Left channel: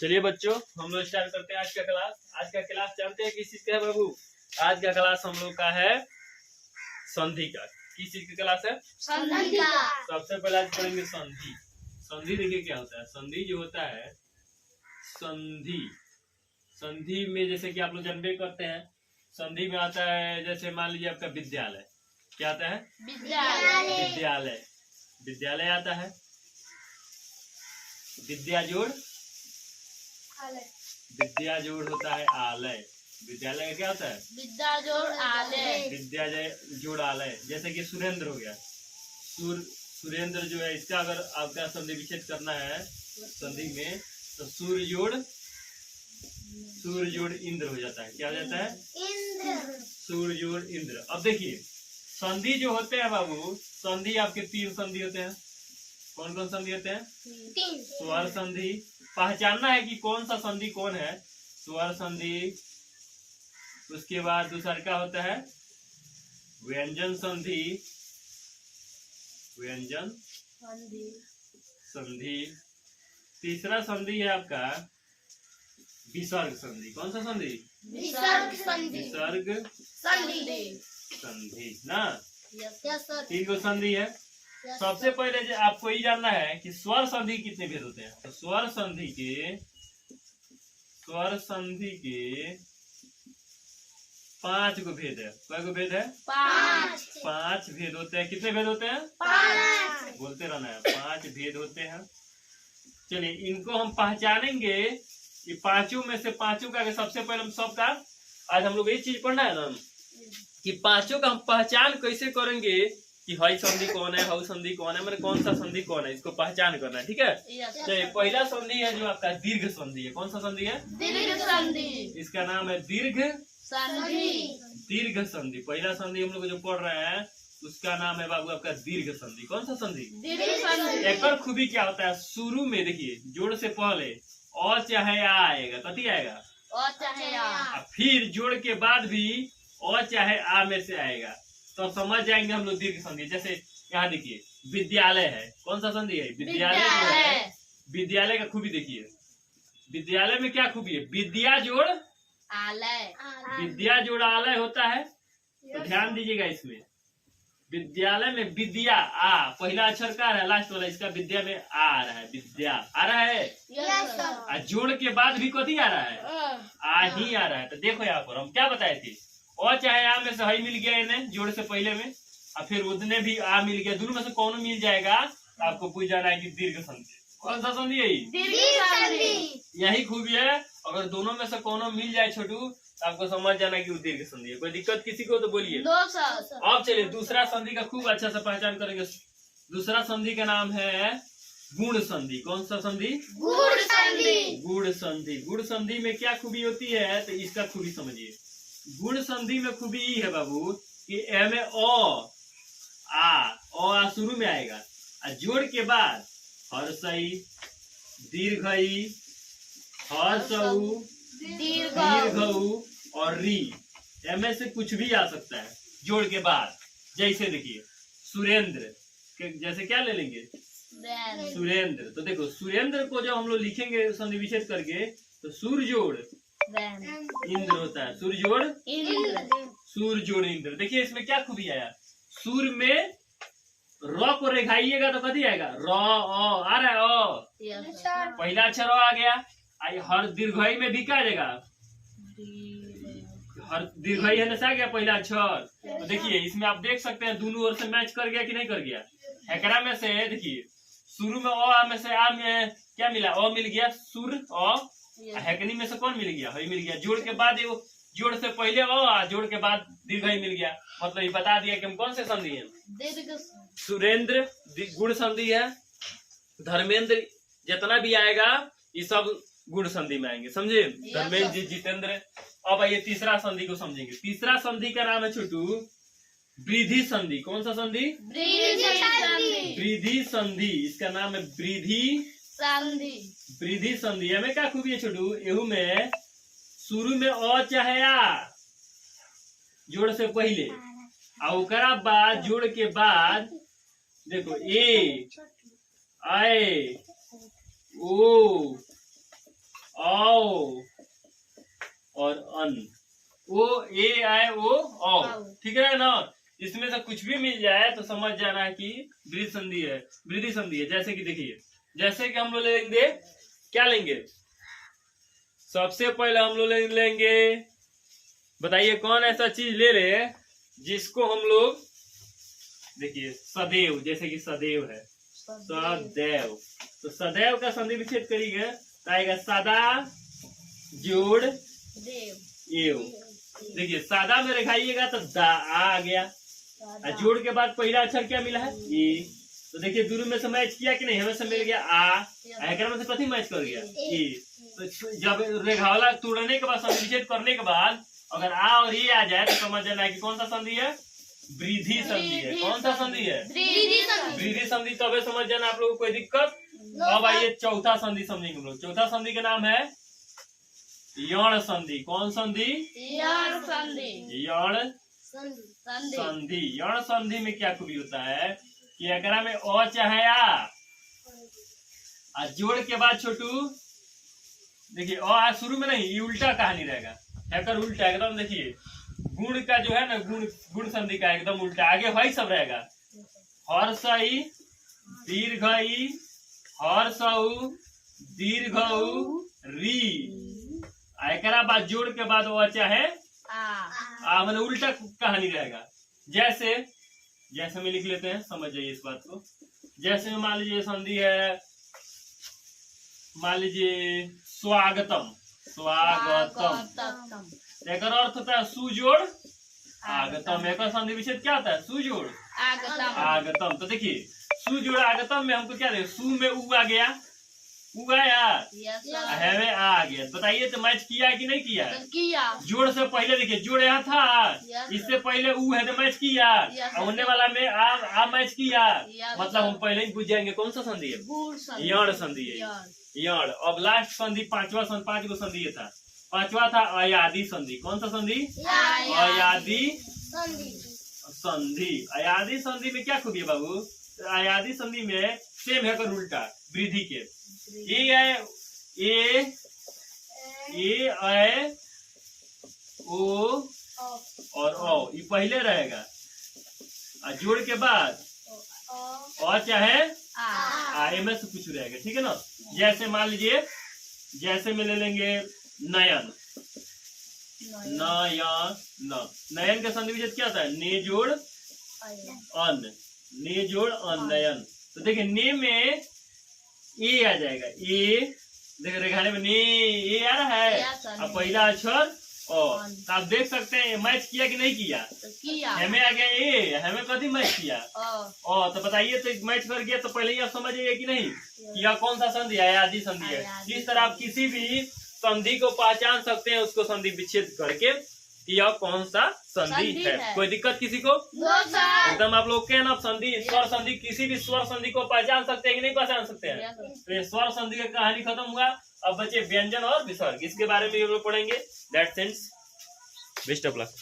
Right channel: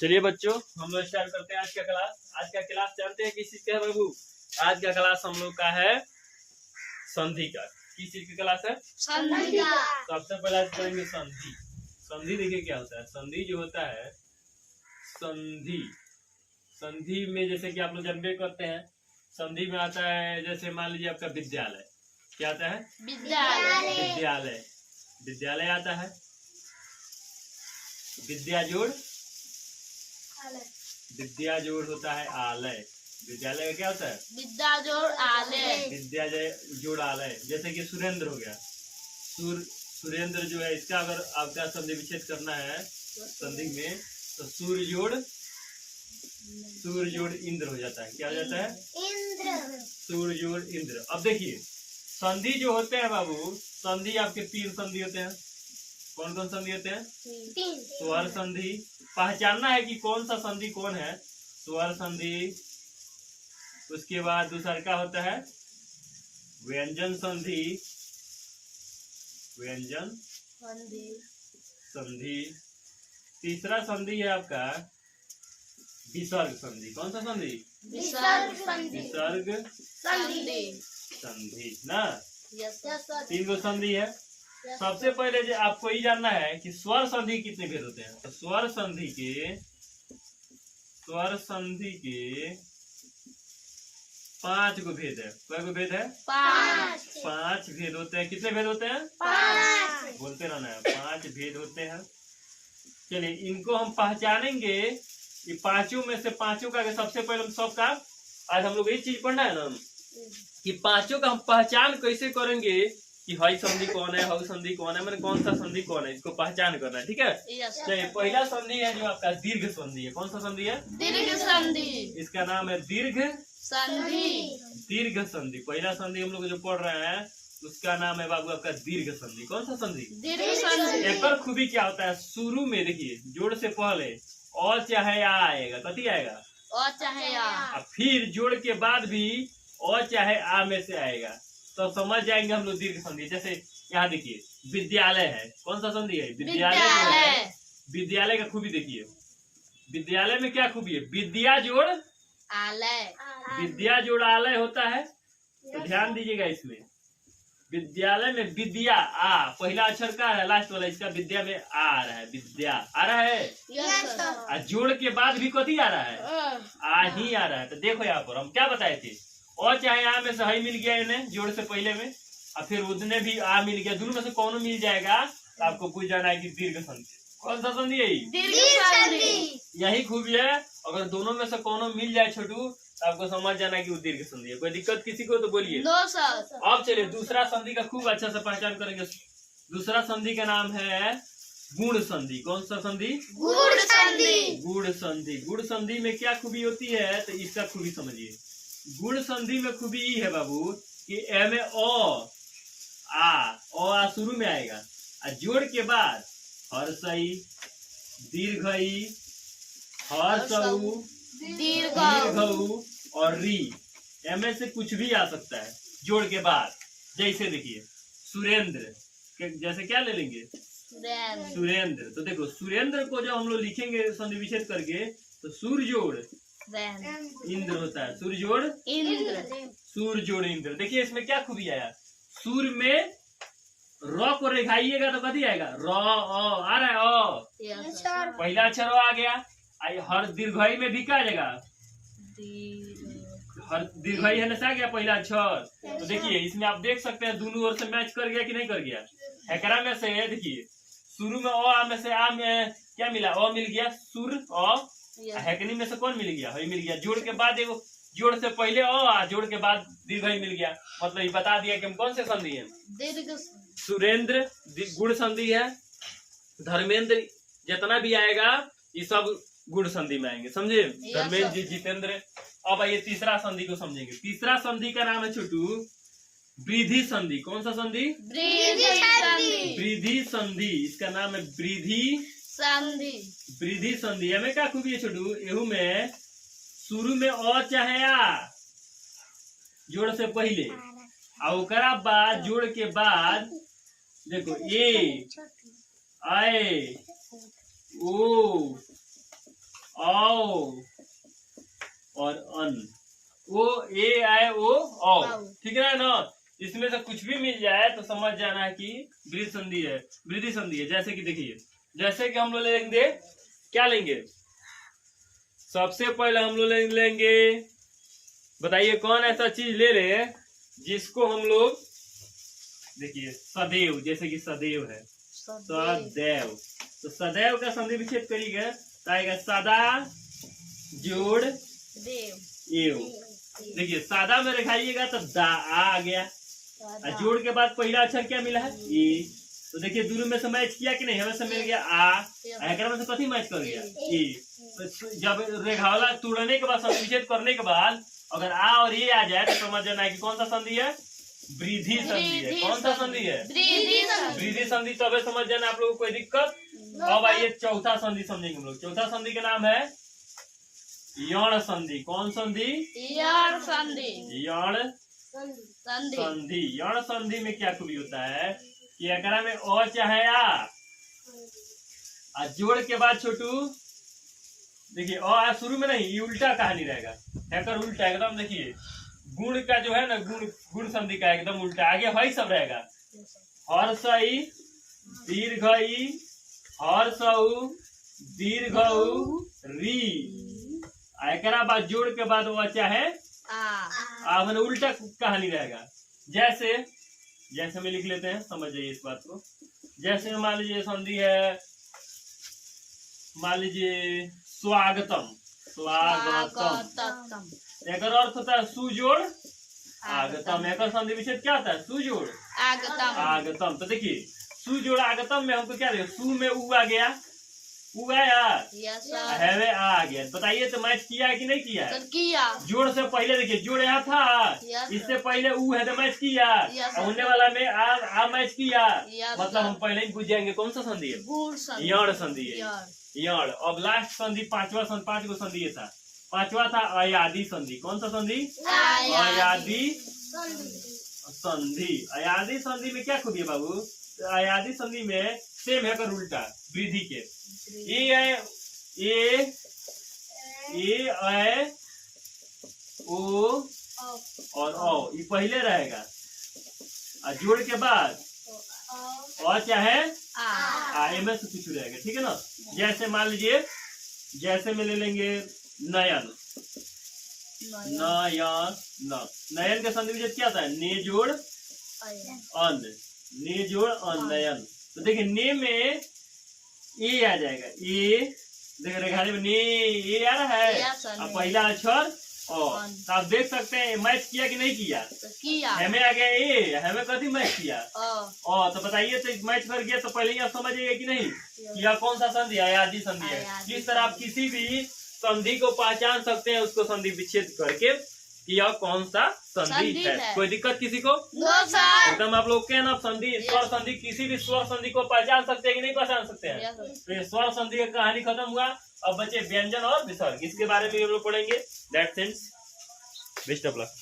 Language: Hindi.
चलिए बच्चों, हम लोग स्टार्ट करते हैं आज का क्लास। आज का क्लास जानते हैं किस चीज का है बाबू? आज का क्लास हम लोग का है संधि का। किस चीज की क्लास है? संधि का। सबसे पहले आज करेंगे संधि। संधि देखिए क्या होता है। संधि जो होता है, संधि संधि में जैसे कि आप लोग जानबे करते हैं, संधि में आता है जैसे मान लीजिए आपका विद्यालय। क्या आता है? विद्यालय। विद्यालय विद्यालय आता है। विद्या जोड़ होता है आलय। विद्यालय का क्या होता है? विद्या जोड़ आलय। विद्या जोड़ आलय। जैसे कि सुरेंद्र हो गया। सुरेंद्र जो है, इसका अगर आपका संधि विच्छेद करना है संधि में, तो सूर्य जोड़ इंद्र हो जाता है। क्या हो जाता है? इंद्र। सूर्य जोड़ इंद्र। अब देखिए संधि जो होते हैं बाबू, संधि आपके 3 संधि होते हैं। कौन कौन संधि होते हैं? 3। स्वर संधि। पहचानना है कि कौन सा संधि कौन है। स्वर संधि, उसके बाद दूसरा क्या होता है? व्यंजन संधि। व्यंजन संधि। तीसरा संधि है आपका विसर्ग संधि। कौन सा संधि? विसर्ग संधि। विसर्ग संधि ना। Yes sir. 3 गो संधि है। सबसे पहले जो आपको ये जानना है कि स्वर संधि कितने भेद होते हैं। तो स्वर संधि के 5 गो भेद है। कै गो भेद है? 5 भेद होते हैं। कितने भेद होते हैं? 5। बोलते रहना है। 5 भेद होते हैं। चलिए इनको हम पहचानेंगे। ये पांचों में से पांचों का सबसे पहले हम सबका आज हम लोग ये चीज पढ़ना है ना कि पांचों का हम पहचान कैसे करेंगे कि हई संधि कौन है, हऊ संधि कौन है, मैंने कौन सा संधि कौन है, इसको पहचान करना है। ठीक है। चलिए पहला संधि है जो आपका दीर्घ संधि है। कौन सा संधि है? दीर्घ संधि। इसका नाम है दीर्घ संधि। दीर्घ संधि। पहला संधि हम लोग जो पढ़ रहे हैं उसका नाम है बाबू आपका दीर्घ संधि। कौन सा संधि? दीर्घ संधि। एक और खूबी क्या होता है, शुरू में देखिए जोड़ से पहले और चाहे आ आएगा। कथी आएगा? और चाहे आ। फिर जोड़ के बाद भी और चाहे आ में से आएगा, तो समझ जाएंगे हम लोग दीर्घ संधि। जैसे यहाँ देखिए विद्यालय है। कौन सा संधि है? विद्यालय जो है। विद्यालय का खूबी देखिए। विद्यालय में क्या खूबी है? विद्या जोड़ आलय। विद्या जोड़ आलय होता है। तो ध्यान दीजिएगा इसमें। विद्यालय में विद्या आ पहला अक्षर का है, लास्ट वाला इसका विद्या में आ रहा है। विद्या आ रहा है। Yes sir. और जोड़ के बाद भी कथी आ रहा है? आ ही आ रहा है। तो देखो यहाँ पर हम क्या बताए थे, और चाहे आ में से हई मिल गया इन्हें जोड़ से पहले में, और फिर उसने भी आ मिल गया, दोनों में से कौन मिल जाएगा तो आपको पूछ जाना है कि दीर्घ संधि। कौन सा संधि है? दीर्घ संधि। यही खूबी है। अगर दोनों में से कोनो मिल जाए छोटू तो आपको समझ जाना कि वो दीर्घ संधि है। कोई दिक्कत किसी को तो बोलिए। दो सर। अब चलिए दूसरा संधि का खूब अच्छा से पहचान करेंगे। दूसरा संधि का नाम है गुण संधि। कौन सा संधि? गुण संधि। गुण संधि। गुण संधि में क्या खूबी होती है तो इसका खूबी समझिए। गुण संधि में खूबी ये है बाबू कि ए में ओ आ शुरू में आएगा, और जोड़ के बाद हर्षई, दीर्घई, हर्षऊ, दीर्घऊ और री, एम से कुछ भी आ सकता है जोड़ के बाद। जैसे देखिए सुरेंद्र, जैसे क्या ले लेंगे? सुरेंद्र। तो देखो सुरेंद्र को जब हम लोग लिखेंगे संधि विच्छेद करके तो सूर्य जोड़ इंद्र होता है। सूर्य जोड़ इंद्र। सूर्य जोड़ इंद्र। देखिए इसमें क्या खूबी आया, सूर्य में र को रेखाइएगा तो कथी आएगा? र आ रहा है। ओ पहला अक्षर आ गया। हर दीर्घई में भी क्या आएगा? हर दीर्घई है ना, गया पहला अक्षर। तो देखिए इसमें आप देख सकते हैं दोनों ओर से मैच कर गया कि नहीं कर गया। एकरा में से देखिए शुरू में आ में से आ में क्या मिला? अ मिल गया। सुर अ। हैकनी में से कौन मिल गया? हई मिल गया। जोड़ के बाद एगो जोड़ से पहले अ, जोड़ के बाद दीर्घई मिल गया। मतलब ये बता दिया कि हम कौन से संधि है। दीर्घ। सुरेंद्र गुण संधि है। धर्मेंद्र जितना भी आएगा ये सब गुण संधि में आएंगे। समझे? धर्मेंद्र जी, जितेंद्र। अब आइए तीसरा संधि को समझेंगे। तीसरा संधि का नाम है छोटू वृद्धि संधि। कौन सा संधि? वृद्धि संधि। इसका नाम है वृद्धि संधि। हमें क्या खूबी है छोटू? एहू में शुरू में अ चाहे आ जोड़ से पहले, और ओकरा बाद जोड़ के बाद देखो ए, आए, ओ, औ और अन, ओ ए आए ओ औ, ठीक है ना। इसमें से कुछ भी मिल जाए तो समझ जाना है कि वृद्धि संधि है, वृद्धि संधि है। जैसे कि देखिए, जैसे कि हम लोग लेंगे, क्या लेंगे, सबसे पहले हम लोग लेंगे, बताइए कौन ऐसा चीज ले ले जिसको हम लोग, देखिए सदैव, जैसे कि सदैव है, सदैव, तो सदैव का संधि विच्छेद करिएगा तो आएगा सदा जोड़ देव एव। देखिए सादा में लिखाइएगा तो दा आ गया, और जोड़ के बाद पहला अक्षर क्या मिला है ए। तो देखिए दोनों में से मैच किया कि नहीं, हमें से मिल गया आ, में से कथी मैच कर गया ए। तो जब रेखावाला तोड़ने के बाद संधि विच्छेद करने के बाद अगर आ और ए आ जाए तो समझ जाना है कि कौन सा संधि है, वृद्धि संधि है। कौन सा संधि है, वृद्धि संधि। तबे समझ जाना आप लोगों को कोई दिक्कत। अब आइए चौथा संधि समझेंगे हम लोग। चौथा संधि का नाम है यण संधि। कौन संधि, यण संधि। यण संधि। यण संधि में क्या खूबी होता है कि अगर में अ चाहे आ जोड़ के बाद छोटू, देखिए अ शुरू में नहीं, ये उल्टा कहानी रहेगा, हैकर उल्टा एकदम। देखिए गुण का जो है ना, गुण संधि का एकदम उल्टा, आगे वही सब रहेगा, हर्षई दीर्घई हर्षऊ दीर्घऊ री, एकरा बाद जोड़ के बाद वो चाहे मैंने उल्टा कहानी रहेगा। जैसे में लिख लेते हैं, समझ जाइए इस बात को। जैसे में मान लीजिए संधि है, मान लीजिए स्वागतम, स्वागतम, एक अर्थ होता है सुजोड़ आगतम। एक संधि विच्छेद क्या होता है, सुजोड़ आगतम। तो देखिए सुजोड़ आगतम में हमको क्या देखिए, सु में उ आ गया, उ आया, हैवे आ गया। बताइए तो मैच किया है कि नहीं किया है, जोड़ से पहले देखिए जोड़ यहाँ था, इससे पहले उ है तो मैच किया, और उन्ने वाला में आ मैच किया, मतलब हम पहले ही बुझ जाएंगे कौन सा संधि है, यण संधि है, यण। अब लास्ट संधि पांचवा संधि, 5 गो संधि ये था, पांचवा था अयादि संधि। कौन सा संधि, अयादि संधि। अयादि संधि में क्या खूबी है बाबू, अयादि संधि में सेम है कर उल्टा, वृद्धि के ए ऐ ओ और ओ, ये पहले रहेगा, और जोड़ के बाद और चाहे आ में से कुछ रहेगा, ठीक है ना। जैसे मान लीजिए, जैसे में ले लेंगे नयन, नयन का संधि विच्छेद क्या था, ने जोड़ अन, ने जोड़ अन, नयन। तो देखिए ने में ए आ जाएगा, ए देखिए रेखाने में ने ए आ रहा है, अब पहला अक्षर ओ। तो आप देख सकते हैं मैच किया कि नहीं किया, हमें आ गया ए, हमें कभी मैच किया ओ। तो बताइए तो मैच कर गया, तो पहले ही आप समझिए कि नहीं कि यह कौन सा संधि है, अयादि संधि है। इस तरह आप किसी भी संधि को पहचान सकते हैं, उसको संधि विच्छेद करके कि यह कौन सा संधि है। कोई दिक्कत किसी को, एकदम आप लोग के ना संधि, स्वर संधि, किसी भी स्वर संधि को पहचान सकते हैं कि नहीं पहचान सकते हैं। तो ये स्वर संधि की कहानी खत्म हुआ, अब बचे व्यंजन और विसर्ग, इसके बारे में हम लोग पढ़ेंगे। That's it, best of luck.